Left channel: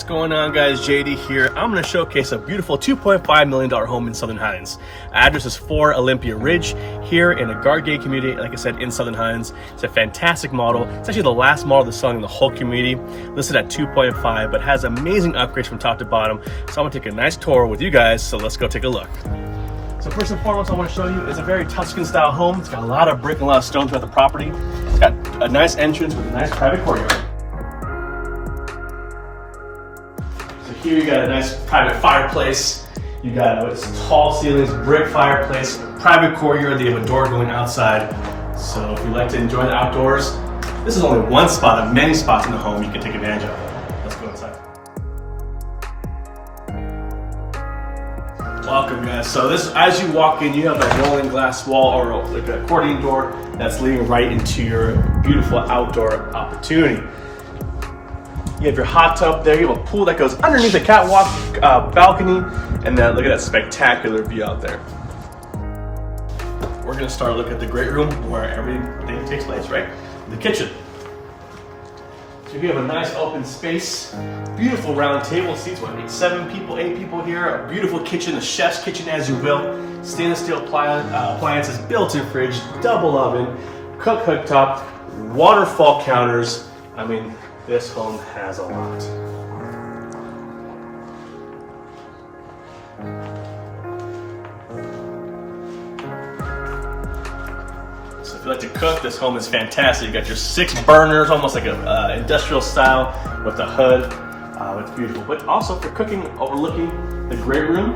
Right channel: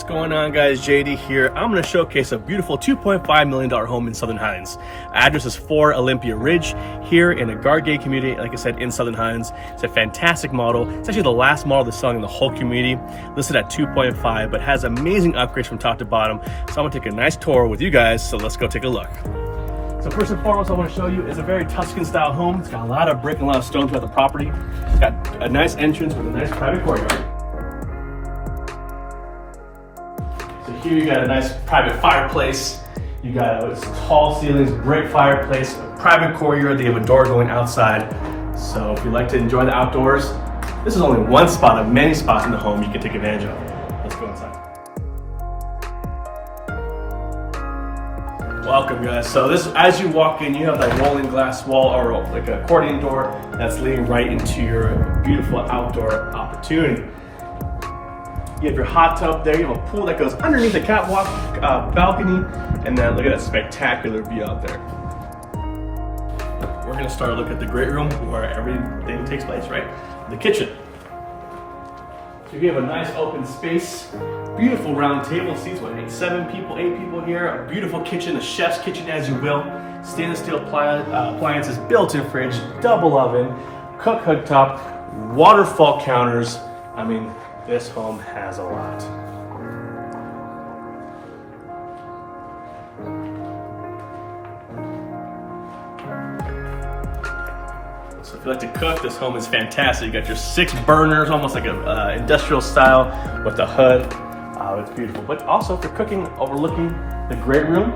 What's going on, guys? JD here. I'm going to showcase a beautiful $2.5 million home in Southern Highlands. Address is 4 Olympia Ridge here in a guard gate community, like I said, in Southern Highlands. It's a fantastic model. It's actually the last model that's selling in the whole community, listed at 2.5, but has amazing upgrades from top to bottom. So I'm going to take a nice tour with you guys, so let's go take a look. So first and foremost, I want to show you, it's a very Tuscan style home. It's got a lot of brick and a lot of stone throughout the property. It's got a nice entrance with a nice private courtyard. So here you got a nice private fireplace. You got tall ceilings, brick fireplace, private courtyard. They have a door going outside. So if you like to enjoy the outdoors, this is only one spot of many spots in the home you can take advantage of. Let's go inside. Welcome, guys. So this, as you walk in, you have that rolling glass wall or like an accordion door that's leading right into your beautiful outdoor opportunity. You have your hot tub there. You have a pool that goes underneath the catwalk balcony, and then look at that spectacular view out there. We're gonna start looking at the great room where everything takes place, right? The kitchen. So you have a nice open space, beautiful round table seats, what, 8 people here, a beautiful kitchen, a chef's kitchen as you will, stainless steel appliances, built-in fridge, double oven, cook cooktop, waterfall counters. I mean, this home has a lot. So if you like to cook, this home is fantastic. You got your 6 burners, almost like a industrial style with the hood. It's beautiful. But also for cooking, overlooking the great room,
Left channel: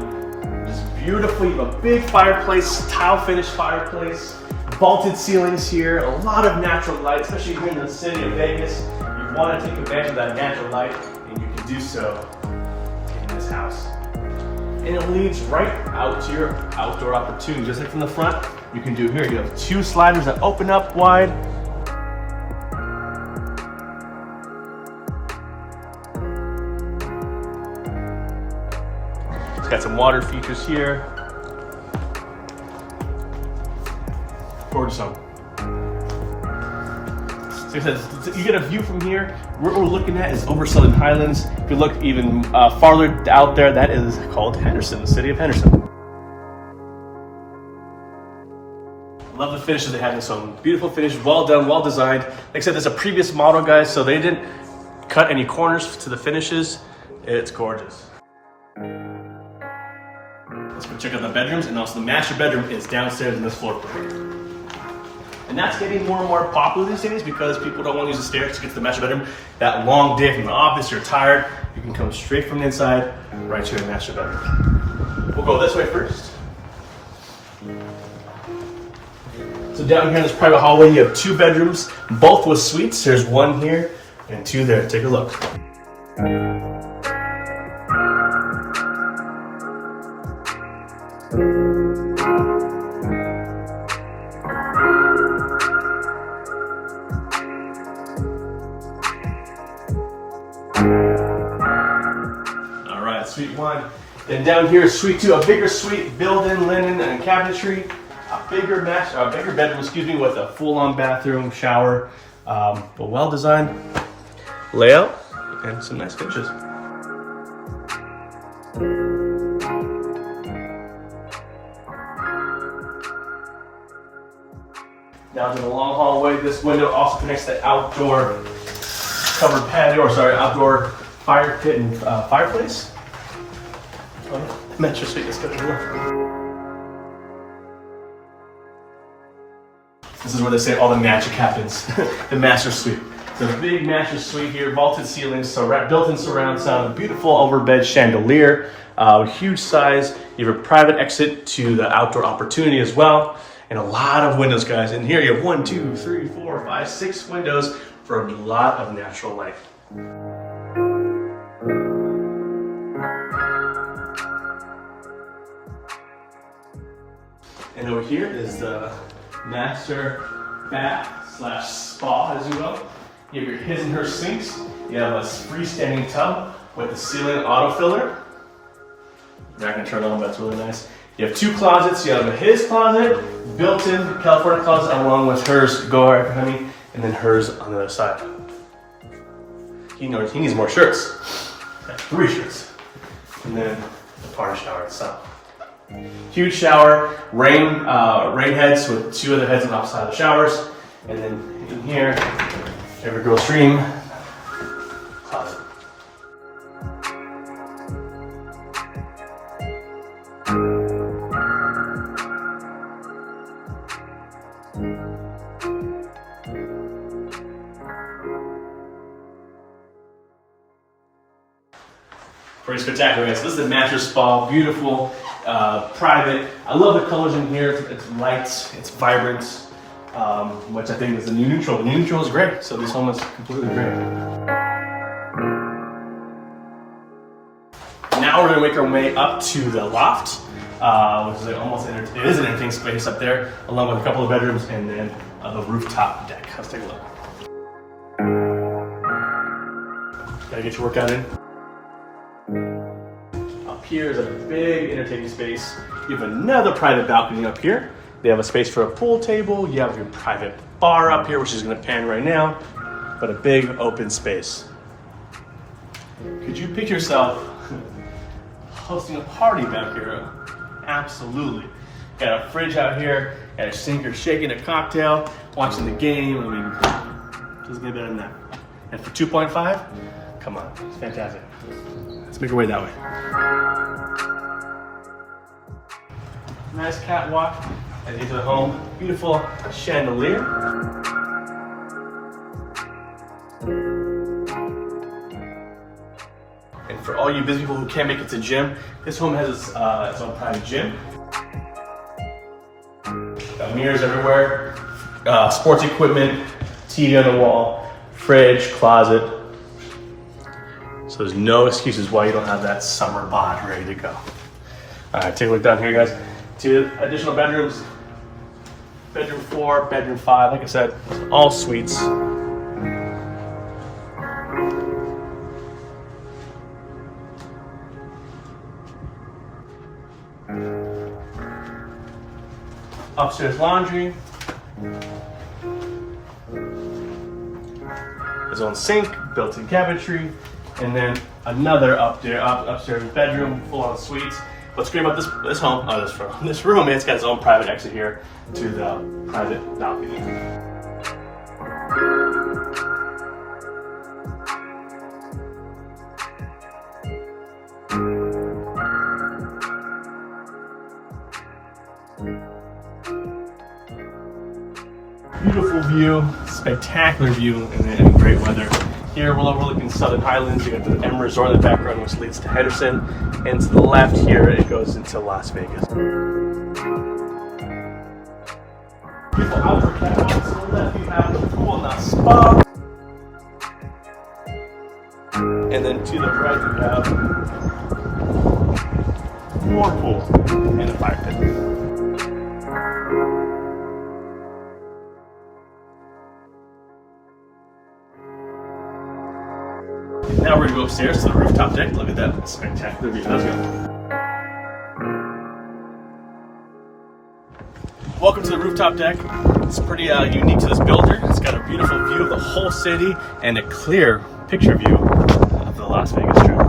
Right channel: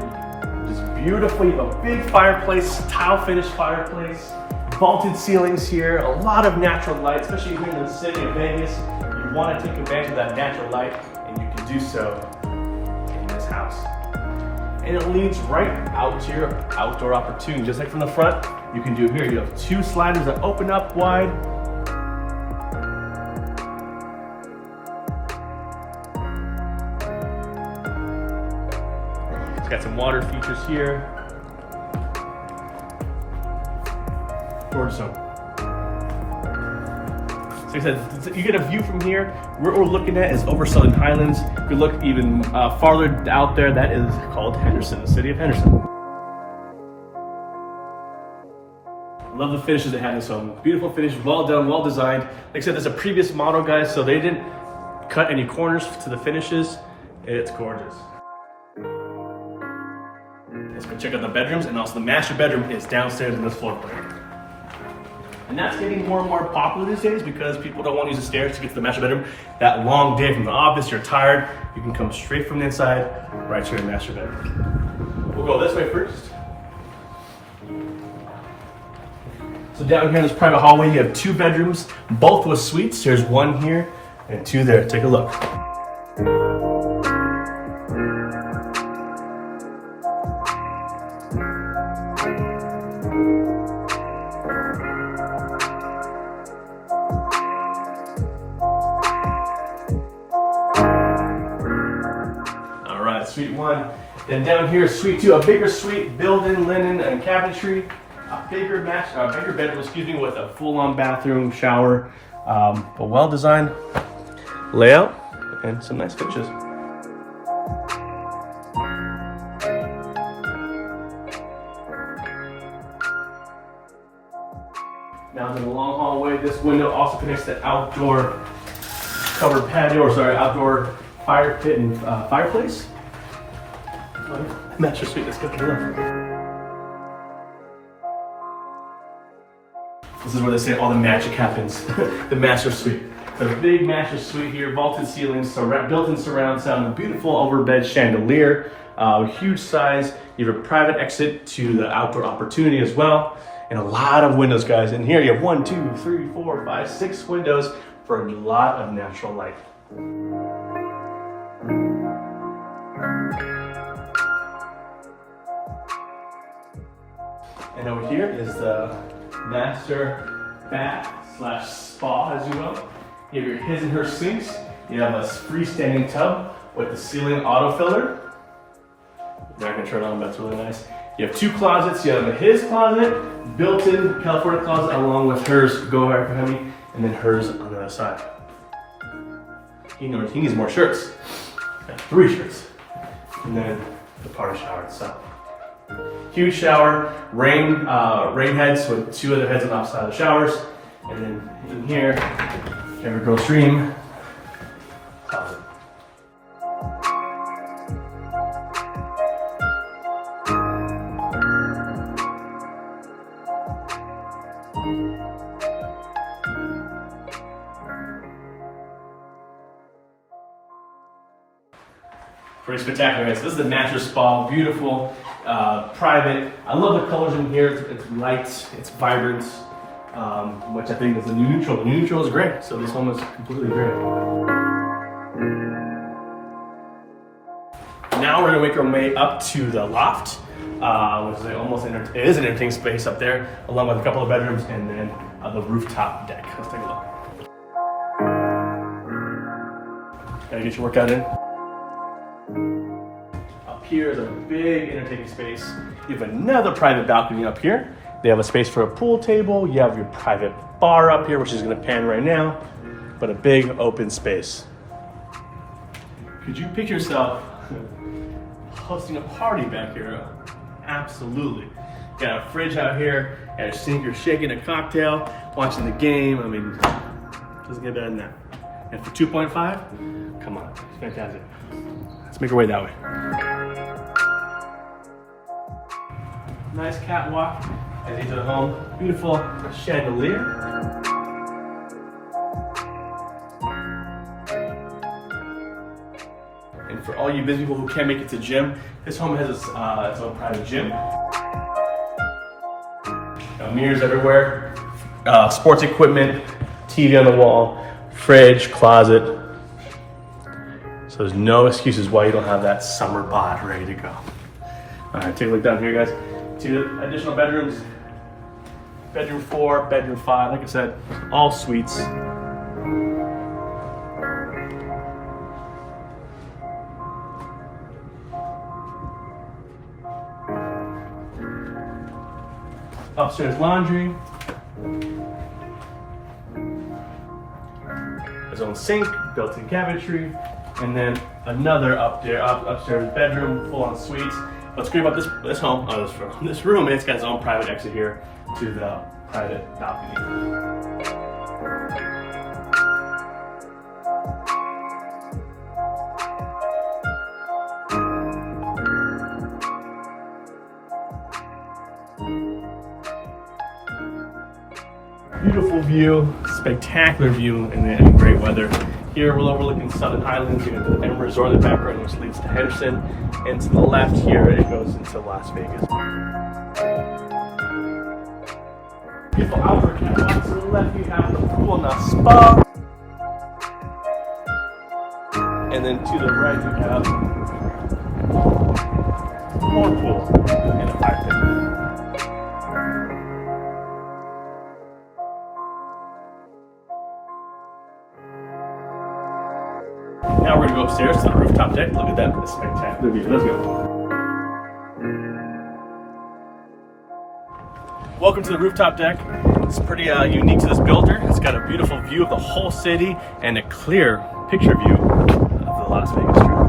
it's beautiful. You have a big fireplace, tile finished fireplace, vaulted ceilings here, a lot of natural light, especially here in the city of Vegas. You want to take advantage of that natural light, and you can do so in this house. And it leads right out to your outdoor opportunity. Just like from the front, you can do here. You have 2 sliders that open up wide. It's got some water features here. Gorgeous home. So like I said, you get a view from here. What we're looking at is over Southern Highlands. If you look even farther out there, that is called Henderson, the city of Henderson. I love the finishes they have in this home. Beautiful finish, well done, well designed. Like I said, there's a previous model, guys, so they didn't cut any corners to the finishes. It's gorgeous. Let's go check out the bedrooms, and also the master bedroom is downstairs in this floor plan. And that's getting more and more popular these days because people don't want to use the stairs to get to the master bedroom. That long day from the office, you're tired, you can come straight from the inside, right to your master bedroom. We'll go this way first. So down here in this private hallway, you have 2 bedrooms, both with suites. There's 1 here and 2 there. Take a look. Suite 1. Then down here is suite 2, a bigger suite, built-in linen and cabinetry, a bigger bedroom, with a full-on bathroom, shower, a well-designed layout, and some nice pictures. Now in the long hallway, this window also connects to outdoor covered patio, outdoor fire pit and fireplace. Master suite, let's go to the left. This is where they say all the magic happens, the master suite. So the big master suite here, vaulted ceilings, built-in surround sound, beautiful overbed chandelier, huge size. You have a private exit to the outdoor opportunity as well, and a lot of windows, guys. And here you have 1, 2, 3, 4, 5, 6 windows for a lot of natural light. And over here is the master bath / spa, as you will. You have your his and her sinks. You have a freestanding tub with the ceiling auto filler. Not gonna turn on, but that's really nice. You have 2 closets. You have his closet, built-in California closet, along with hers, go ahead, honey, and then hers on the other side. He knows he needs more shirts. Got 3 shirts. And then the party shower itself. Huge shower, rain heads with 2 other heads on the opposite side of the showers. And then in here, every girl's dream, closet. Pretty spectacular, guys. So this is the master spa, beautiful, private. I love the colors in here. It's light, it's vibrant, which I think is the new neutral. The new neutral is great, so this home is completely great. Now we're gonna make our way up to the loft, which is it is an entertaining space up there, along with a couple of bedrooms and then the rooftop deck. Let's take a look. Gotta get your workout in. Here is a big entertaining space. You have another private balcony up here. They have a space for a pool table. You have your private bar up here, which is gonna pan right now, but a big open space. Could you picture yourself hosting a party back here? Absolutely. Got a fridge out here, got a sink, you're shaking a cocktail, watching the game. I mean, doesn't get better than that. And for 2.5, come on, it's fantastic. Let's make our way that way. Nice catwalk as you enter the home. Beautiful chandelier. And for all you busy people who can't make it to gym, this home has its own private gym. Got mirrors everywhere, sports equipment, TV on the wall, fridge, closet. So there's no excuses why you don't have that summer bod ready to go. All right, take a look down here, guys. 2 additional bedrooms, bedroom 4, bedroom 5, like I said, all suites. Upstairs laundry. His own sink, built-in cabinetry, and then another upstairs bedroom, full-on suites. What's great about this home, this room, it's got its own private exit here to the private balcony. Beautiful view, spectacular view, and great weather. Here we're overlooking Southern Highlands. You got the M Resort in the background, which leads to Henderson, and to the left here it goes into Las Vegas. Beautiful outdoor catwalk. To the left you have the pool and the spa, and then to the right you have more pool and a fire pit. Now we're gonna go upstairs to the rooftop deck. Look at that spectacular view. Let's go. Welcome to the rooftop deck. It's pretty unique to this builder. It's got a beautiful view of the whole city and a clear picture view of the Las Vegas Strip.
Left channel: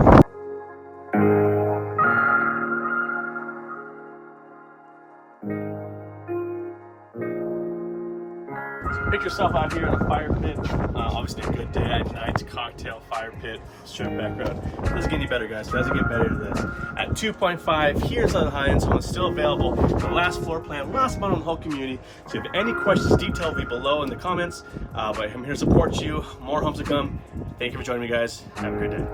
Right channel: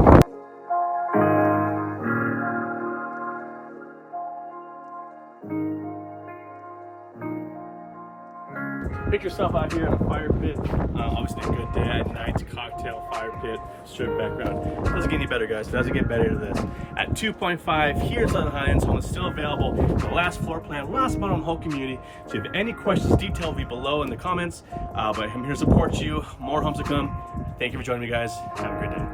Pick yourself out here in the fire pit. Obviously a good dad night, cocktail, fire pit, strip background. It doesn't get any better, guys. It doesn't get better than this. At 2.5, here's on the Highlands. Home is still available. The last floor plan, last model in the whole community. So if you have any questions, detail will be below in the comments. But I'm here to support you. More homes to come. Thank you for joining me, guys. Have a good day.